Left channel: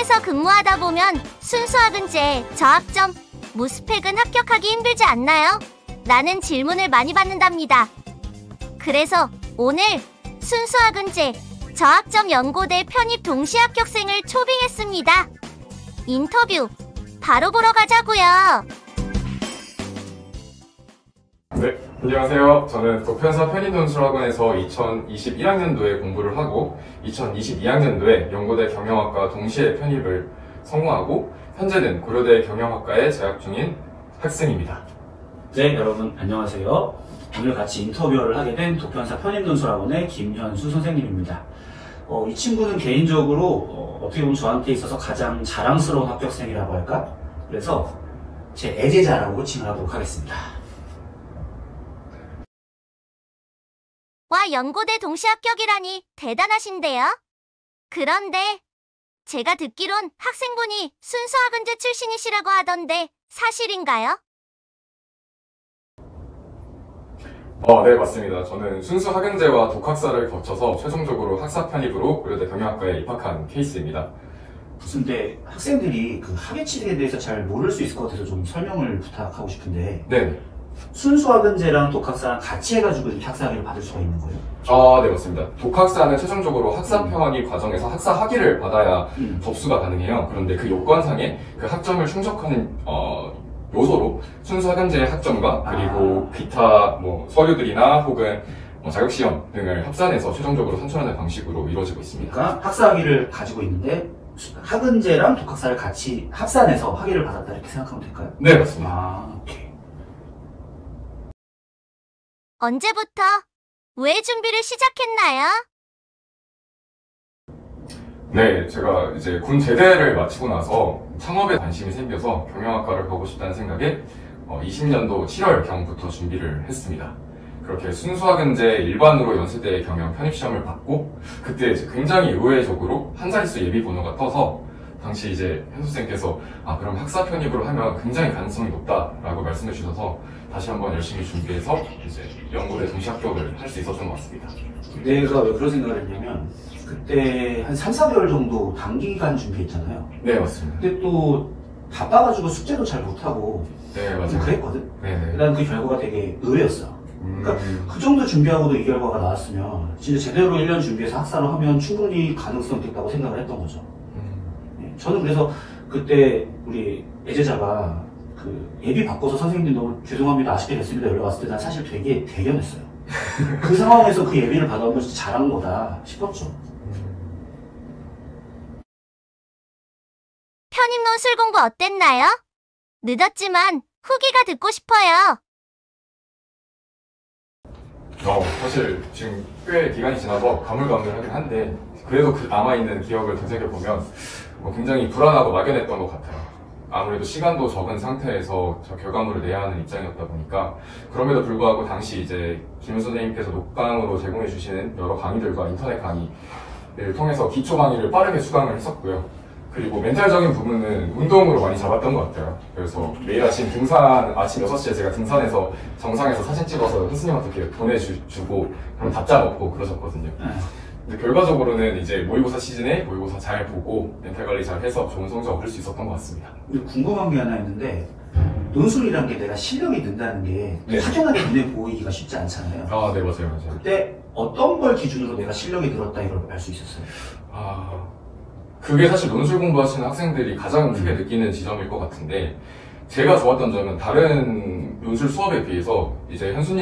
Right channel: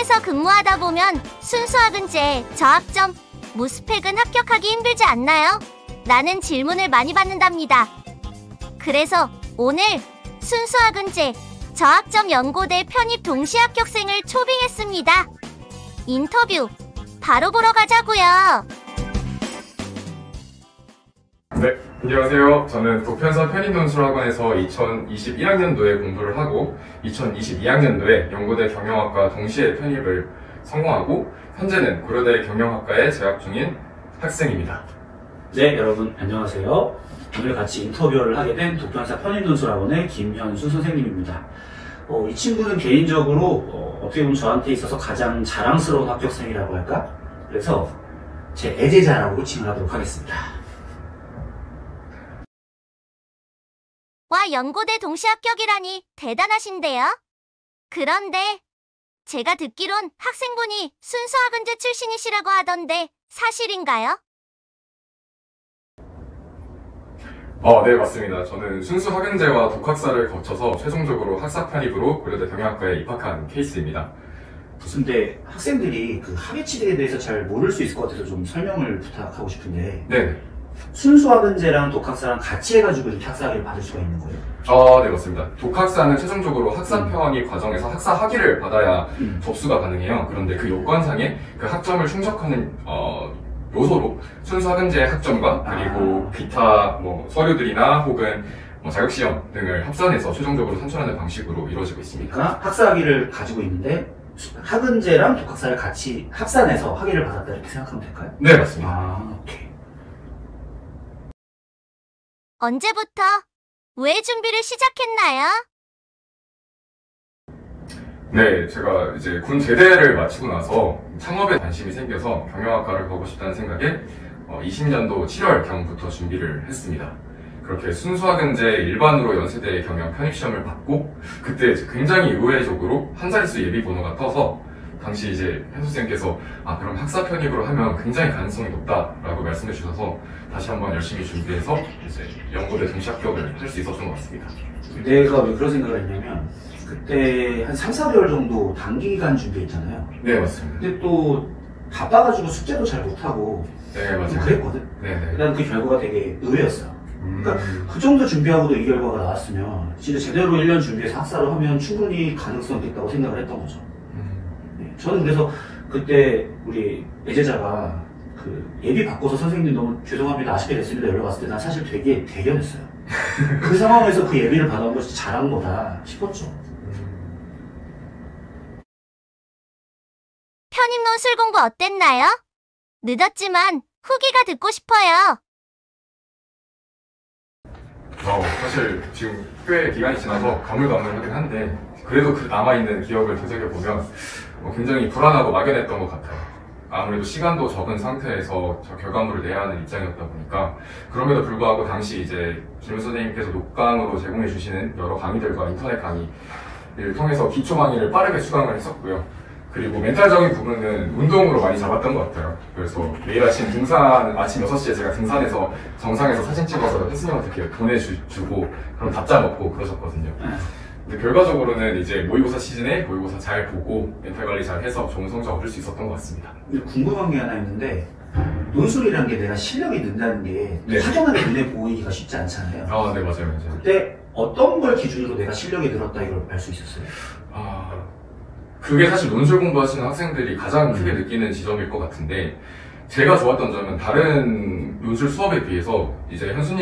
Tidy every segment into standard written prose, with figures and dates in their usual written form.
학점에서 근무하다 보면 순수학은제, 저학점, 무스펙은 합격하기 힘들지 않나요? 라는 질문을 많이 받는답니다. 그래서 오늘 순수학은제, 저학점 연고대 편입 동시 합격생을 초빙했습니다. 인터뷰 바로 보러 가자고요. 네, 안녕하세요. 저는 도편사 편입논술학원에서 2021학년도에 공부를 하고 2022학년도에 연고대 경영학과 동시에 편입을 성공하고 현재는 고려대 경영학과에 재학 중인 학생입니다. 네, 여러분 안녕하세요. 오늘 같이 인터뷰를 하게 된 도편사 편입논술학원의 김현수 선생님입니다. 이 친구는 개인적으로 어떻게 보면 저한테 있어서 가장 자랑스러운 합격생이라고 할까? 그래서 제 애제자라고 칭을 하도록 하겠습니다. 와, 연고대 동시 합격이라니 대단하신데요? 그런데 제가 듣기론 학생분이 순수학은제 출신이시라고 하던데 사실인가요? 네, 맞습니다. 저는 순수학은제와 독학사를 거쳐서 최종적으로 학사 편입으로 고려대 경영학과에 입학한 케이스입니다. 근데 학생들이 그 학예치대에 대해서 잘 모를 수 있을 것 같아서 좀 설명을 부탁하고 싶은데 네. 순수학은제랑 독학사랑 같이 해가지고 이렇게 학사학위를 받을 수가 있는 거예요? 네, 맞습니다. 독학사는 최종적으로 학사 편입 과정에서 학사 학위를 받아야 접수가 가능해요. 그런데 그 요건상에 그 학점을 충족하는 요소로 순수학은제의 학점과 그리고 기타 서류들이나 혹은 자격시험 등을 합산해서 최종적으로 산출하는 방식으로 이루어지고 있습니다. 그러니까 학사학위를 가지고 있는데 학은제랑 독학사를 같이 합산해서 학위를 받았다 이렇게 생각하면 될까요? 네, 맞습니다. 오케이. 언제부터? 왜 준비를 시작했나요? 네, 제가 이제 군 제대를 마치고 나서 창업에 관심이 생겨서 경영학과를 가고 싶다는 생각에 20년도 7월경부터 준비를 했습니다. 그렇게 순수학은제 일반으로 연세대 경영 편입시험을 받고 그때 굉장히 의외적으로 한 자릿수 예비 번호가 떠서 당시 이제 현수쌤께서 그럼 학사 편입으로 하면 굉장히 가능성이 높다라고 말씀해 주셔서 다시 한번 열심히 준비해서 이제 연고대 동시 합격을 할 수 있었던 것 같습니다. 내가 왜 그런 생각을 했냐면 그때 한 3, 4개월 정도 단기간 준비했잖아요. 네, 맞습니다. 근데 또 바빠가지고 숙제도 잘 못하고 네, 맞아요. 그랬거든. 네. 난 그 결과가 되게 의외였어. 그러니까 그 정도 준비하고도 이 결과가 나왔으면 진짜 제대로 1년 준비해서 학사를 하면 충분히 가능성이 있다고 생각을 했던 거죠. 네, 저는 그래서 그때 우리 애제자가 그 예비 바꿔서 선생님들 너무 죄송합니다 아쉽게 됐습니다 연락 왔을 때 난 사실 되게 대견했어요. 그 상황에서 그 예비를 받아온 건 진짜 잘한 거다 싶었죠. 편입논술 공부 어땠나요? 늦었지만 후기가 듣고 싶어요. 사실 지금 꽤 기간이 지나서 가물가물하긴 한데 그래도 그 남아있는 기억을 되새겨보면 굉장히 불안하고 막연했던 것 같아요. 아무래도 시간도 적은 상태에서 저 결과물을 내야 하는 입장이었다 보니까 그럼에도 불구하고 당시 이제 김 선생님께서 녹강으로 제공해 주시는 여러 강의들과 인터넷 강의를 통해서 기초 강의를 빠르게 수강을 했었고요. 그리고 멘탈적인 부분은 운동으로 많이 잡았던 것 같아요. 그래서 매일 아침 아침 6시에 제가 등산해서 정상에서 사진 찍어서 선생님한테 이렇게 보내주고 그럼 답장 얻고 그러셨거든요. 근데 결과적으로는 이제 모의고사 시즌에 모의고사 잘 보고 멘탈 관리 잘 해서 좋은 성적 얻을 수 있었던 것 같습니다. 궁금한 게 하나 있는데 논술이라는 게 내가 실력이 는다는 게 네. 확연하게 눈에 보이기가 쉽지 않잖아요. 네, 맞아요. 그때 어떤 걸 기준으로 내가 실력이 늘었다 이걸 알 수 있었어요? 그게 사실 논술 공부하시는 학생들이 가장 크게 느끼는 지점일 것 같은데 제가 좋았던 점은 다른 논술 수업에 비해서 이제 현수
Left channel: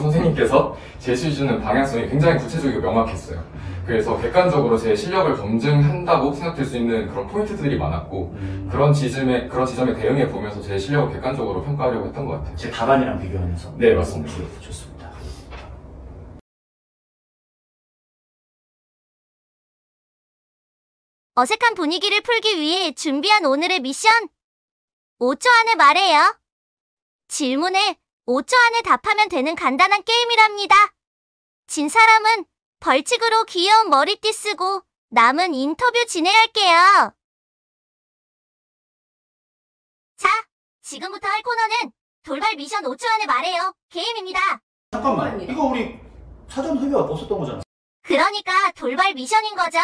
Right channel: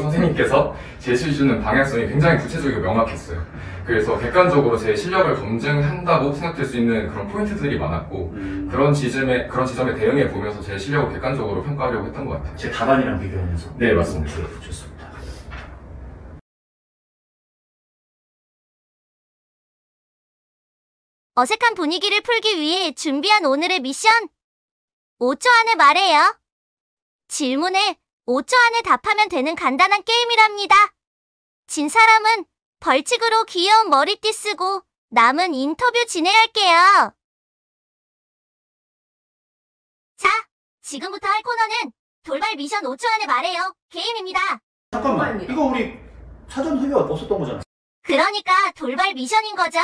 선생님께서 제시해주는 방향성이 굉장히 구체적이고 명확했어요. 그래서 객관적으로 제 실력을 검증한다고 생각될 수 있는 그런 포인트들이 많았고 그런 지점에 대응해 보면서 제 실력을 객관적으로 평가하려고 했던 것 같아요. 제 답안이랑 비교하면서? 네, 맞습니다. 좋습니다. 어색한 분위기를 풀기 위해 준비한 오늘의 미션. 5초 안에 말해요. 질문에 5초 안에 답하면 되는 간단한 게임이랍니다. 진 사람은 벌칙으로 귀여운 머리띠 쓰고 남은 인터뷰 진행할게요. 자, 지금부터 할 코너는 돌발 미션 5초 안에 말해요. 게임입니다. 잠깐만, 이거 우리 사전 협의 없었던 거잖아. 그러니까 돌발 미션인 거죠.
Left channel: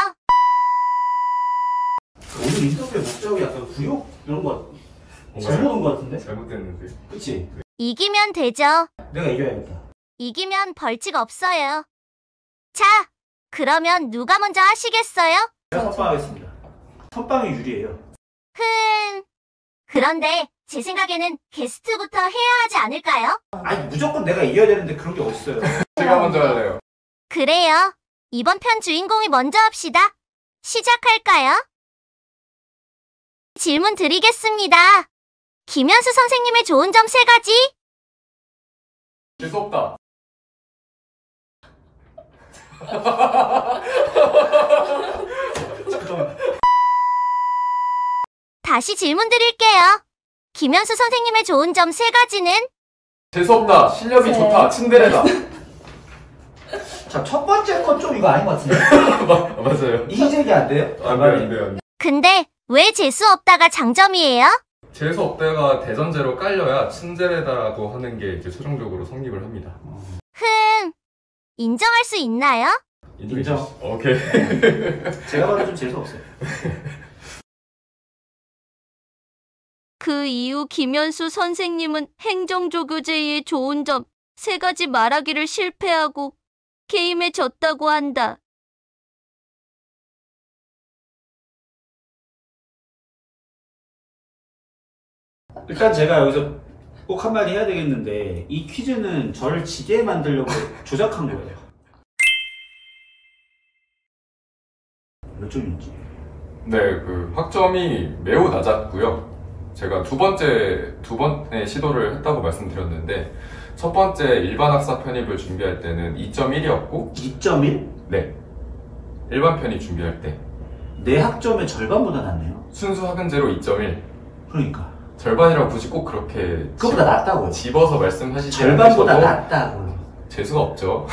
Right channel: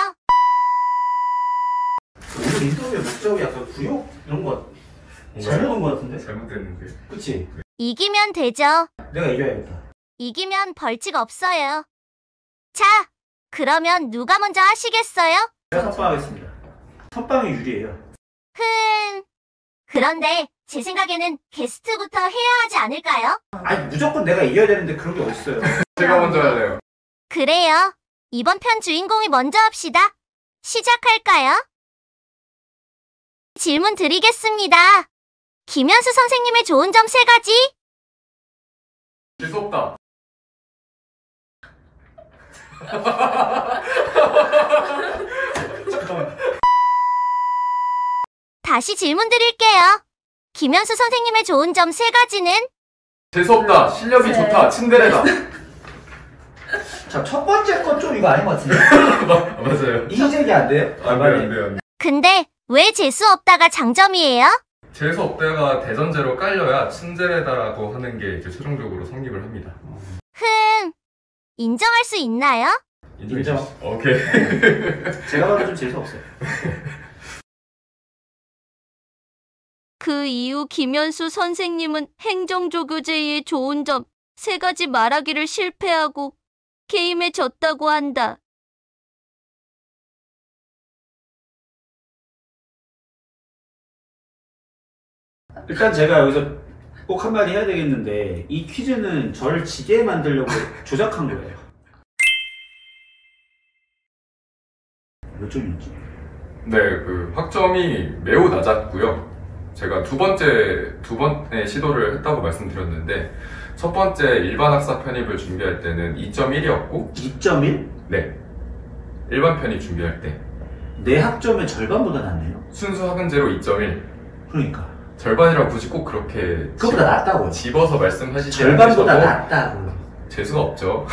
인터뷰의 목적이 약간 구욕 이런 거 잘못 온 거 같은데? 잘못됐는데. 그치? 이기면 되죠. 내가 이겨야겠다. 이기면 벌칙 없어요. 자, 그러면 누가 먼저 하시겠어요? 제가 선빵하겠습니다. 선빵이 유리해요. 그런데 제 생각에는 게스트부터 해야 하지 않을까요? 아니 무조건 내가 이겨야 되는데 그런 게 어딨어요. 제가 먼저 할래요. 그래요. 이번 편 주인공이 먼저 합시다. 시작할까요? 질문 드리겠습니다. 김현수 선생님의 좋은 점 3가지. 재수 없다. 잠깐만. 다시 질문 드릴게요. 김현수 선생님의 좋은 점 3가지는? 재수 없다. 실력이 좋다. 친데레다. 자, 첫 번째 건 좀 이거 아닌 것 같은데? 맞아요. 이색이 안 돼요? 안 돼요, 안 돼요. 근데 왜 재수 없다가 장점이에요? 재수 없다가 대전제로 깔려야 친데레다라고 하는 게 이제 최종적으로 성립을 합니다. 인정할 수 있나요? 인정. 오케이. 제가 봐도 좀 재수없어요. 그 이후 김현수 선생님은 행정조교제의 좋은 점 3가지 말하기를 실패하고 게임에 졌다고 한다. 일단 제가 여기서 꼭 한마디 해야 되겠는데 이 퀴즈는 저를 지게 만들려고 조작한 거예요. 몇 점이었지? 네, 그 학점이 매우 낮았고요. 제가 두 번의 시도를 했다고 말씀드렸는데 첫 번째 일반 학사 편입을 준비할 때는 2.1이었고 2.1? 네, 일반 편입 준비할 때 내 학점의 절반보다 낫네요. 순수 학은제로 2.1 그러니까 절반이라고 굳이 꼭 그렇게 그거보다 낫다고요. 집어서 말씀하시지 절반보다 않으셔도 낫다고요. 재수가 없죠.